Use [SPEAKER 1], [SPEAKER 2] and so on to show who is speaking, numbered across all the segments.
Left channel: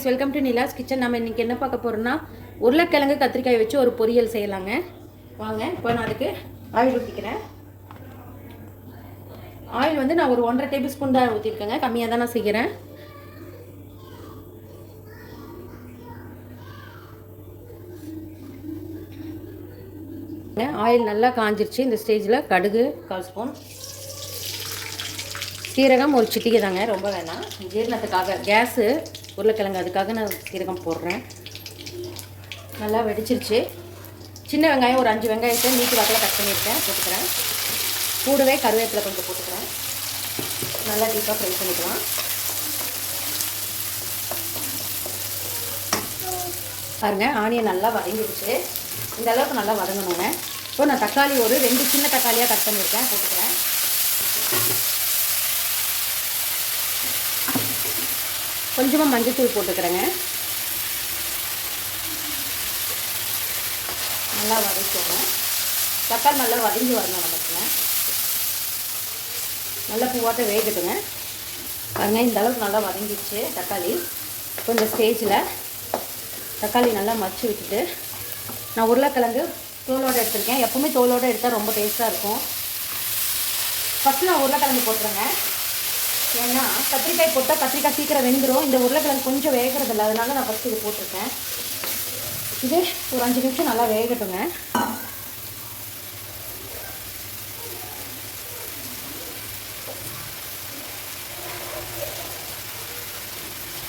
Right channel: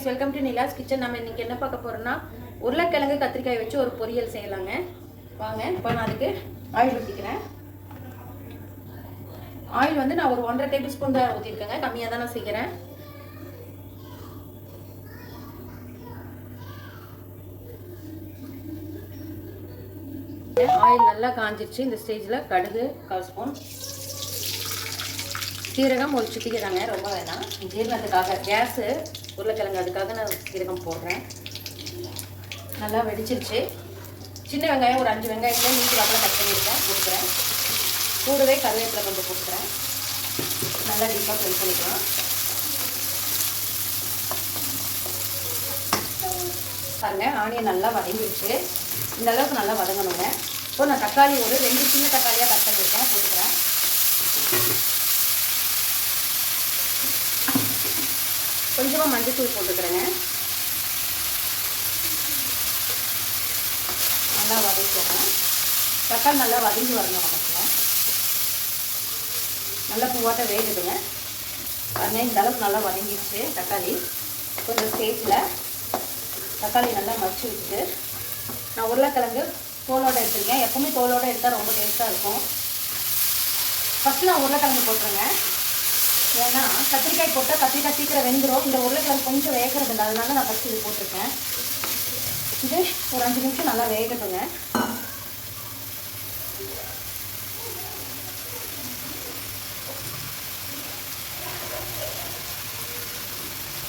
[SPEAKER 1] Friends welcome to Nila's kitchen நம்ம இன்னைக்கு என்ன பார்க்க போறோம்னா உருளைக்கிழங்கு கத்திரிக்காய் வச்சு ஒரு பொரியல் செய்யலாங்க. வாங்க இப்போ நான் அதுக்கு ஆயில் ஊற்றிக்கிறேன் ஆயில் வந்து நான் ஒரு ஒன்றரை டேபிள் ஸ்பூன் தான் ஊற்றிருக்கேங்க கம்மியாக தான் நான் செய்கிறேன் ஆயில் நல்லா காஞ்சிருச்சு. இந்த ஸ்டேஜில் கடுகு கால் ஸ்பூன் சீரகம் ஒரு சிட்டிகை தாங்க ரொம்ப வேணாம் ஜீரணத்துக்காக கேஸு உருளைக்கிழங்கு அதுக்காக நான் சீரகம் போடுறேன். நல்லா வெடிச்சிருச்சு. சின்ன வெங்காயம் ஒரு அஞ்சு வெங்காயத்தை நீட்டு வாக்கில் கட் பண்ணியிருக்கேன் போட்டுக்கிறேன். கூடவே கருவேப்பிலை கொஞ்சம் போட்டுக்கிறேன். நல்லா டீப்பாக ஃப்ரை பண்ணிக்கலாம். பாருங்க ஆனியன் நல்லா வதங்கிடுச்சு இந்த அளவுக்கு நல்லா வதங்கணுங்க. இப்போ நான் தக்காளி ஒரு ரெண்டு சின்ன தக்காளியாக கட் பண்ணியிருக்கேன் போட்டுக்கிறேன். கொஞ்சமாக மஞ்சத்தூள் போட்டுக்கிறேங்க. நல்லா வதக்கிடுறேன் தக்காளி நல்லா வதங்கி வரணும் நமக்கு நல்லா பூவாட்ட வேகட்டுங்க. பாருங்க இந்த அளவுக்கு நல்லா வதங்கிடுச்சு தக்காளி. கொஞ்சம் இந்த ஸ்டேஜில் தக்காளி நல்லா மச்சு விட்டுட்டு நான் உருளைக்கிழங்கு தோலோடு எடுத்துருக்கேன். எப்போவுமே தோலோடு எடுத்தால் ரொம்ப டேஸ்ட்டாக இருக்கும். ஃபஸ்ட்டு நான் உருளைக்கிழங்கு போட்டுருங்க. ஏன்னா கத்திரிக்காய் போட்டால் கத்திரிக்காய் சீக்கிரம் வெந்துடும் இந்த உருளைக்கிழங்கு கொஞ்சம் வேகிறது இல்லை அதனால நான் ஃபஸ்ட்டு இது போட்டிருக்கேன். இது ஒரு அஞ்சு நிமிஷம் நல்லா வேகட்டுங்க.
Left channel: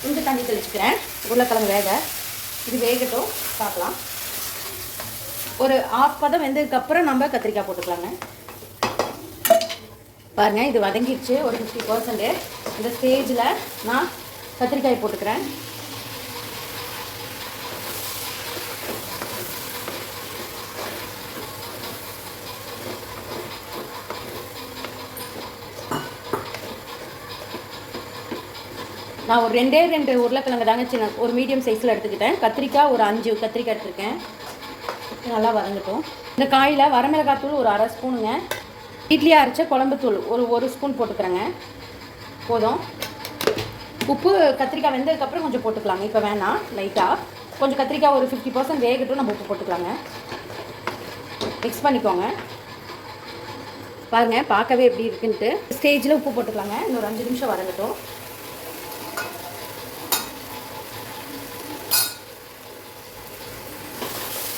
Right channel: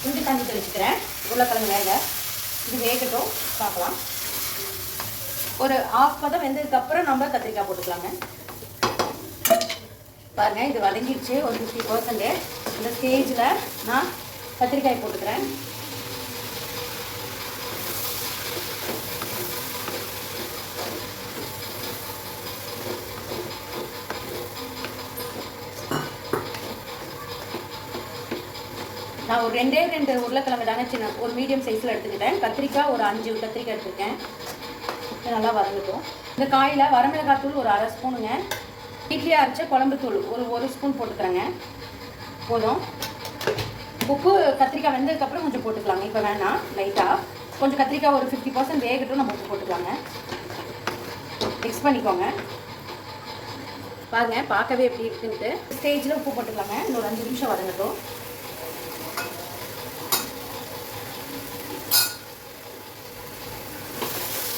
[SPEAKER 1] கொஞ்சம் தண்ணி தெளிச்சுக்கிறேன் உருளைக்கிழங்கு வேக. இது வேகட்டும். பார்க்கலாம். ஒரு ஆஃப் பதம் வெந்ததுக்கப்புறம் நம்ம கத்திரிக்காய் போட்டுக்கலாங்க. பாருங்கள் இது வதங்கிடுச்சு. ஒரு ஃபிஃப்டி பர்சன்ட் இந்த ஸ்டேஜில் நான் கத்திரிக்காய் போட்டுக்கிறேன். நான் ஒரு ரெண்டே ரெண்டு உருளைக்கிழங்கு தாங்க சின்ன ஒரு மீடியம் சைஸில் எடுத்துக்கிட்டேன். கத்திரிக்காய் ஒரு அஞ்சு கத்திரிக்காய் எடுத்துருக்கேன். நல்லா வறந்துக்கும் இந்த காயில் வரமிளகாய் தூள் ஒரு அரை ஸ்பூனுங்க. இட்லி அரைச்ச குழம்பு தூள் ஒரு ஒரு ஸ்பூன் போட்டுக்கிறேங்க. போதும். உப்பு கத்திரிக்காய் வெந்ததுக்கப்புறம் கொஞ்சம் போட்டுக்கலாங்க. இப்போ வேணாம். லைட்டாக கொஞ்சம் கத்திரிக்காய் ஒரு ஃபிஃப்டி பர்சன்ட் வேகட்டும் நம்ம உப்பு போட்டுக்கலாங்க. மிக்ஸ் பண்ணிக்கோங்க. பாருங்கள் பார்க்கவே எப்படி இருக்குன்ட்டு. ஸ்டேஜில் உப்பு போட்டுக்கலாங்க. இன்னொரு அஞ்சு நிமிஷம் வரங்கட்டும்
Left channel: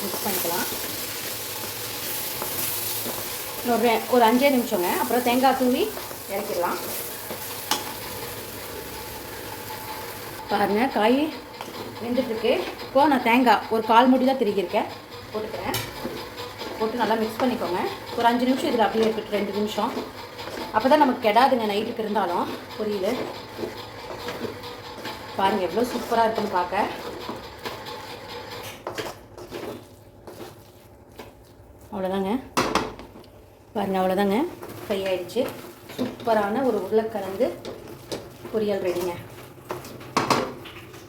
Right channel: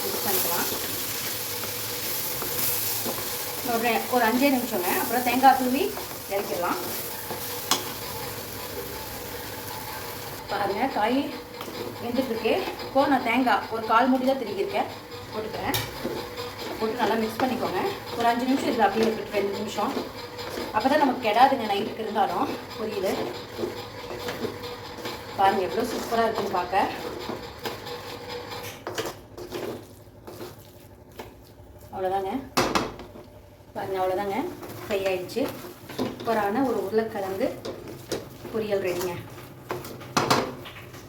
[SPEAKER 1] மிக்ஸ் பண்ணிக்கலாம் ஒரு ஒரு அஞ்சே நிமிஷங்க. அப்புறம் தேங்காய் தூவி இறக்கிடலாம். பாருங்கள் காய் வெந்துட்டுருக்கு. இப்போது நான் தேங்காய் ஒரு கால் முடி தான் திருக்கியிருக்கேன் போட்டுக்கிறேன். போட்டு நல்லா மிக்ஸ் பண்ணிக்கோங்க. ஒரு அஞ்சு நிமிஷம் இதில் அப்படியே இருக்கட்டும் ரெண்டு நிமிஷம். அப்போ தான் நமக்கு கெடாதுங்க நைட்டுக்கு இருந்தாலும். புரியுது? பாருங்கள் எவ்வளோ சூப்பராக இருக்குன்னு பார்க்க. அவ்வளோதாங்க. பாருங்க அவ்வளோதாங்க ஃப்ரை ஆயிடுச்சு. சூப்பரான ஒரு உருளைக்கிழங்கு பொரியல் ரெடிங்க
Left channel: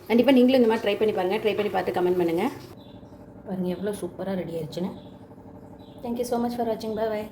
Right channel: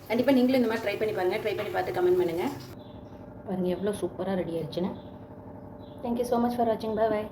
[SPEAKER 1] கண்டிப்பாக நீங்களும் இந்த மாதிரி ட்ரை பண்ணி பாருங்கள் ட்ரை பண்ணி பார்த்து கமெண்ட் பண்ணுங்கள் பாருங்கள் எவ்வளோ சூப்பராக ரெடி ஆயிடுச்சுன்னு. தேங்க்யூ ஸோ மச் ஃபார் வாட்சிங் பாய் பாய்